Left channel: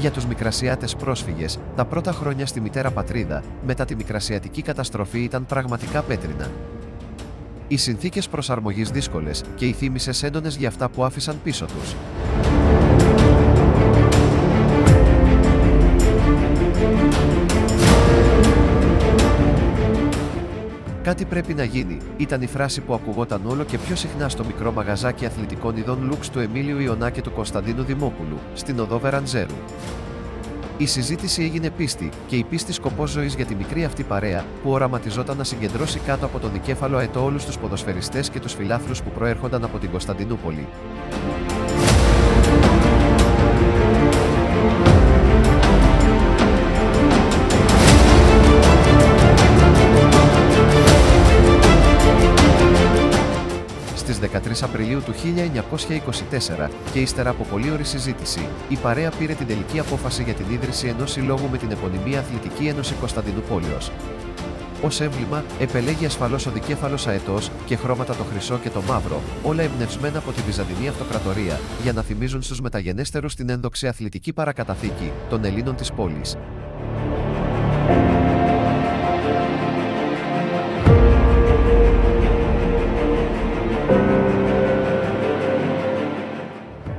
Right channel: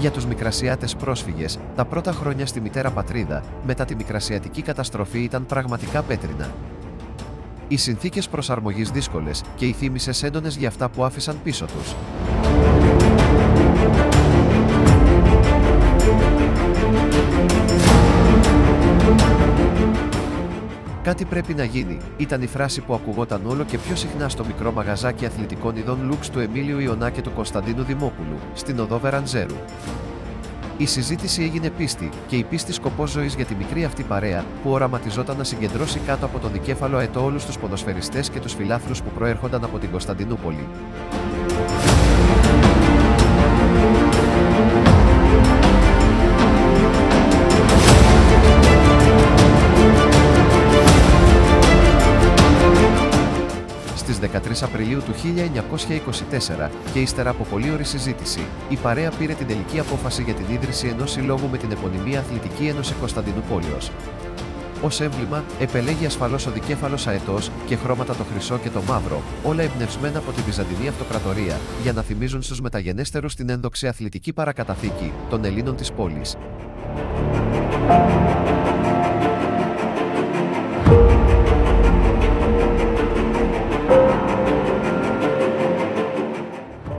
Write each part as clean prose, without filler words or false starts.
Για τους Μικρασιάτες πρόσφυγες, τα πρώτα χρόνια στη μητέρα πατρίδα, μετά τη Μικρασιατική καταστροφή ήταν πραγματικά πέτρινα. Οι συνθήκες προσαρμογής δύσκολες και οι θύμησες έντονες για αυτά που άφησαν πίσω τους. Κάτι πρέπει να γίνει, ήταν η φράση που ακουγόταν όλο και πιο συχνά στο μικρό μαγαζάκι αθλητικών ειδών Λουξ του Εμίλιου Ιωνά και του Κωνσταντίνου Δημόπουλου, στην οδό Βεραντζέρου. Η συζήτηση έγινε πίστη, και η πίστη σκοπός ζωής για τη μικρή αυτή παρέα, που οραματιζόταν να συγκεντρώσει κάτω από τον δικέφαλο αετό όλους τους ποδοσφαιριστές και τους φιλάθλους που προέρχονταν από την Κωνσταντινούπολη. Στις 13 Απριλίου του 1924, και ύστερα από πολλή ώρη συζήτηση, η παρέα πήρε την τελική απόφαση για την ίδρυση ενός συλλόγου με την επωνυμή Αθλητική Ένωση Κωνσταντινούπολεως. Ως έμβλημα, επελέγει ασφαλώς ο δικέφαλος αετός και χρώματα το χρυσό και το μαύρο, όλα εμπνευσμένα από τη Βυζαντινή Αυτοκρατορία, για να θυμίζουν στους μεταγενέστερους την ένδοξη αθλητική παρακαταθήκη των Ελλήνων της πόλης.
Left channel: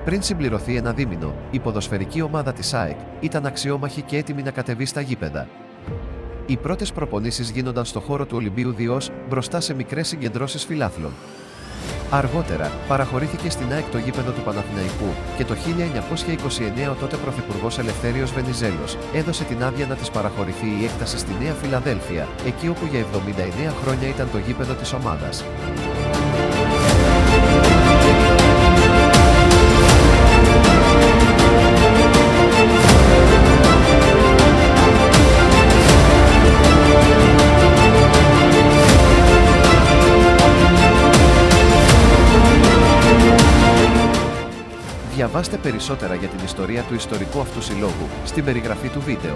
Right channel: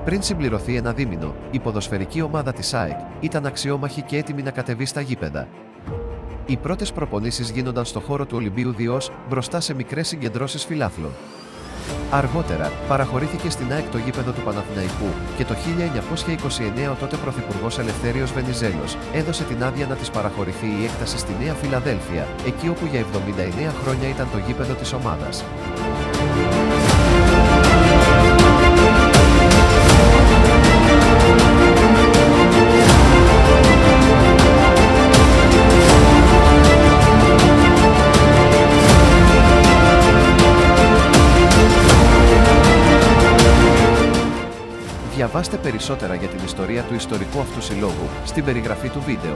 Πριν συμπληρωθεί ένα δίμηνο, η ποδοσφαιρική ομάδα της ΑΕΚ ήταν αξιόμαχη και έτοιμη να κατεβεί στα γήπεδα. Οι πρώτες προπονήσεις γίνονταν στο χώρο του Ολυμπίου Διός, μπροστά σε μικρές συγκεντρώσεις φιλάθλων. Αργότερα, παραχωρήθηκε στην ΑΕΚ το γήπεδο του Παναθηναϊκού και το 1929 ο τότε Πρωθυπουργός Ελευθέριος Βενιζέλος έδωσε την άδεια να της παραχωρηθεί η έκταση στη Νέα Φιλαδέλφια, εκεί όπου για 79 χρόνια ήταν το γήπεδο της ομάδας. Διαβάστε περισσότερα για την ιστορία του ιστορικού αυτού συλλόγου στην περιγραφή του βίντεο.